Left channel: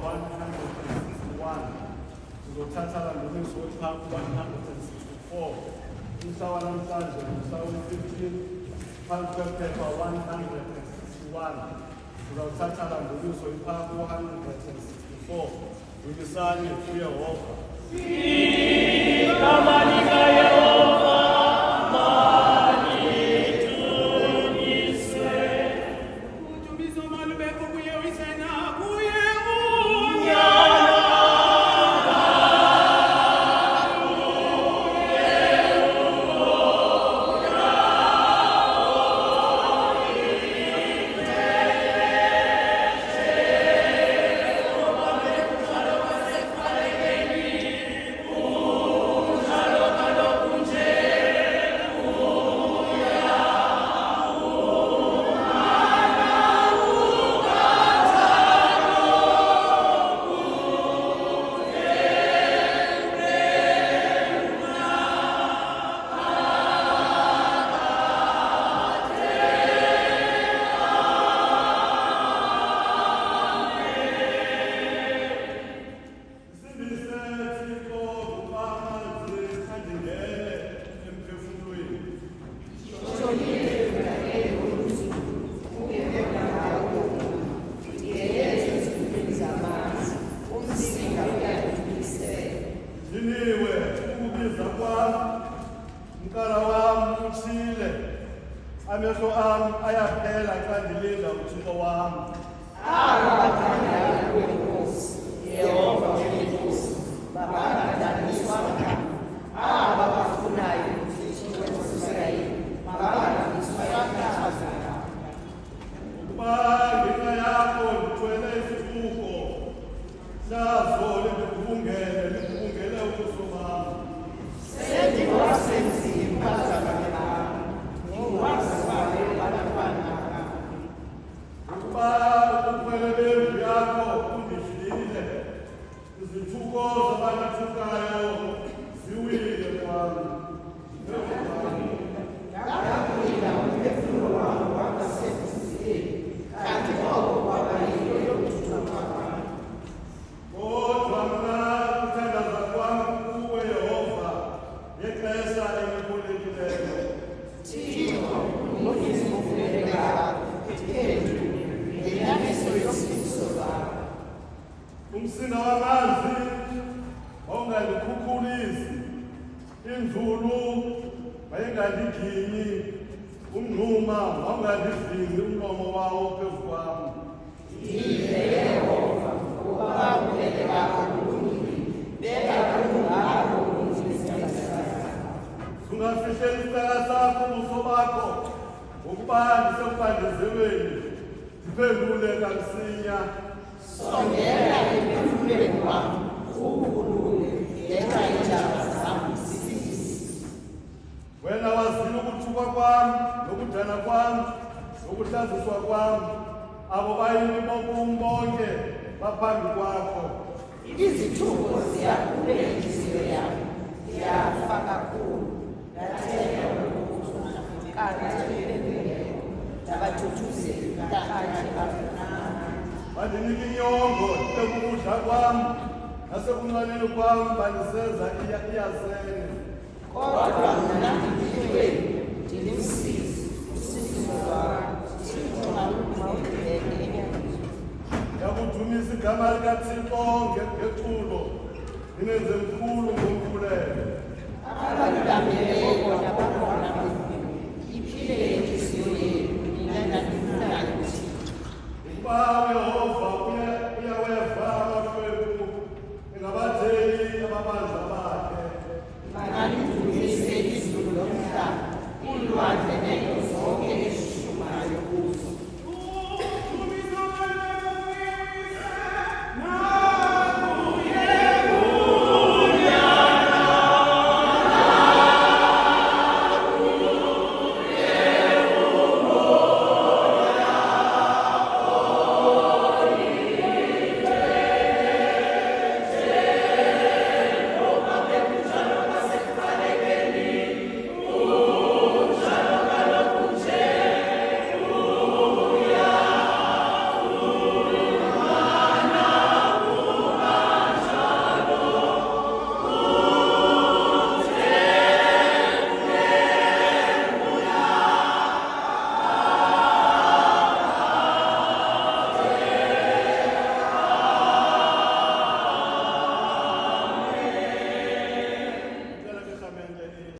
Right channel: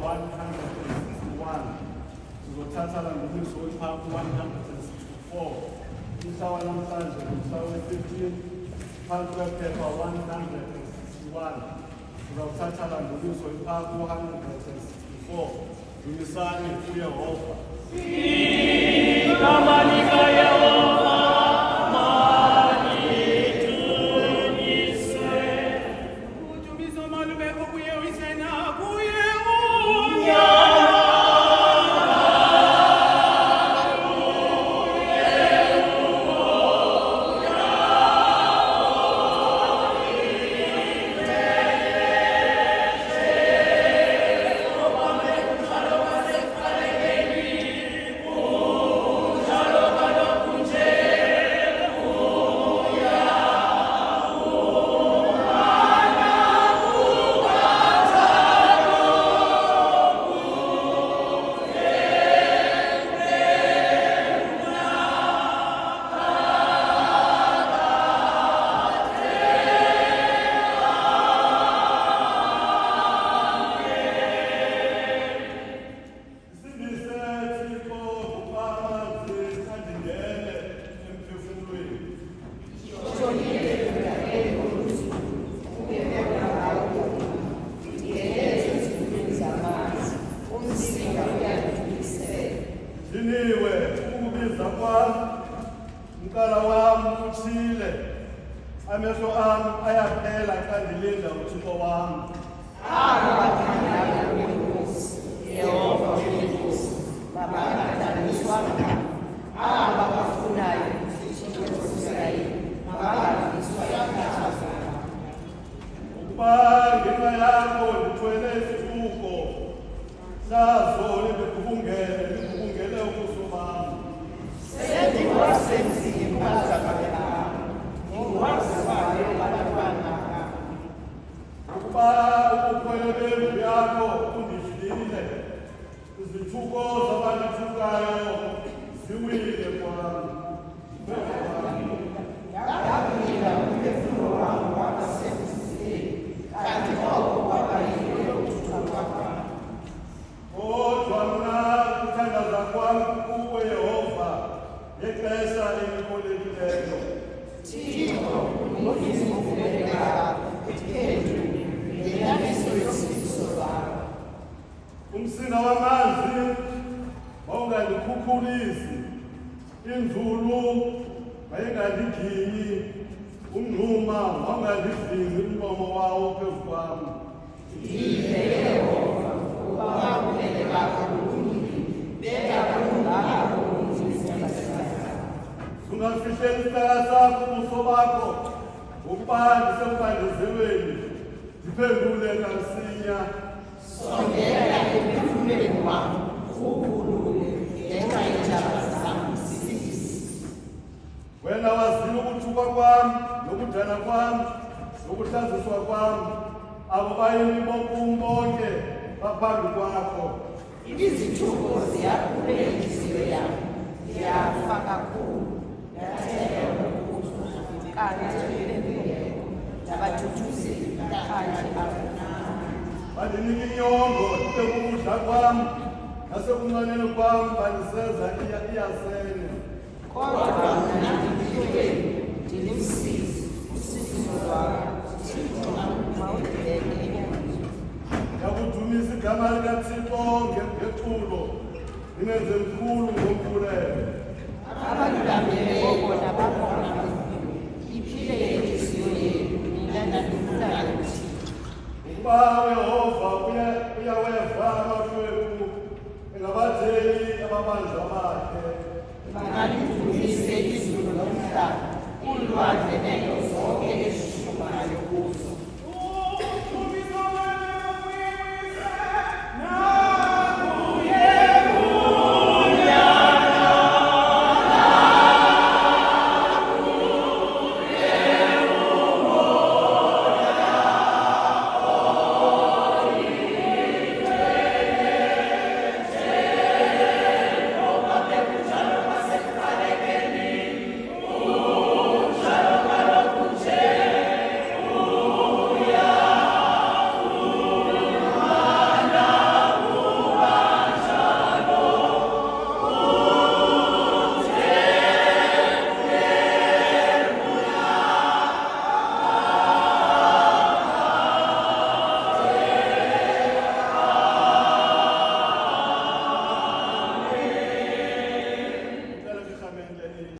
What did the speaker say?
161. Sizothatha landumiso wephampu 164. Mhla wanamhlanje ngomhla we-15 phansi kwephepha 161. Sizothatha landumiso wephampu 164. Dumisani kuYehova. Kamanika Yehova, amehlo ami ayaphela xa ndilinda uThixo wami. Abathandayo wenkosi, Yehova wenkosi, babangadaniswanga, ababafunayo uThixo wase-Israyeli, babangadaniswa yakhathazana. Ukuba ngenxa yakho ndithwele isibuko, nazo libugubungele ubuso bam. Sendiwasenzile impazamo yam, ndiwazibale abantwana bam. Ukuba ubukhwele bendlu yakho undidlile, izithuko zabanithukayo ziwile kwami. Ndakulinda umphefumlo wam wabasemzileni, kanti oko kwabayilo yokuthula kwam. Kodwa mna ukuthandaza kwam kuwe Yehova ngexesha elipholekileyo. Thixo, ngokuzivumela kwakho ethendweni ngenyaniso yofiso lwakho. Umsinga wamanzi wawungandikhukhulisi, inzulu mayingandiginyi, umngxuma wawungandivingi umlomo wawo phezu kwam. Ndive Yehova, ubabulele bakho bulungile, bengakulunganga ubunzima bakho. Ungafihleli isitala sakho ubuso bakho, ngokuba ndisembandezelweni, ndiphendule kamsinya. Sondela emphefumlweni wam, ukhulule ngenxa yeentaba zam zibisi. Wena wazile ukuthukwa kwam, nokudana kwam, nokuhlaziswa kwam. Abo bayini bokum bonke baphambi kwakho. Izithuko ziyakhule intliziyo yam, ndiyafa kakhulu, ndathemba ukufa, kanti bendingekho, ndabathuthuzela kanti abanam. Bandinika inyongo ekukudla kwam, nasekunxaneni kwam bandisenza iyasene. Kodwa mna ndilihlweni, ndilimsizi, usizo lwam, Thixo mawundibeke enyangeni. Ndiyakudumisa igama likaThixo ngeculo, ndinenze mkhulu ngomkhuleko. Abandibambeleyo bona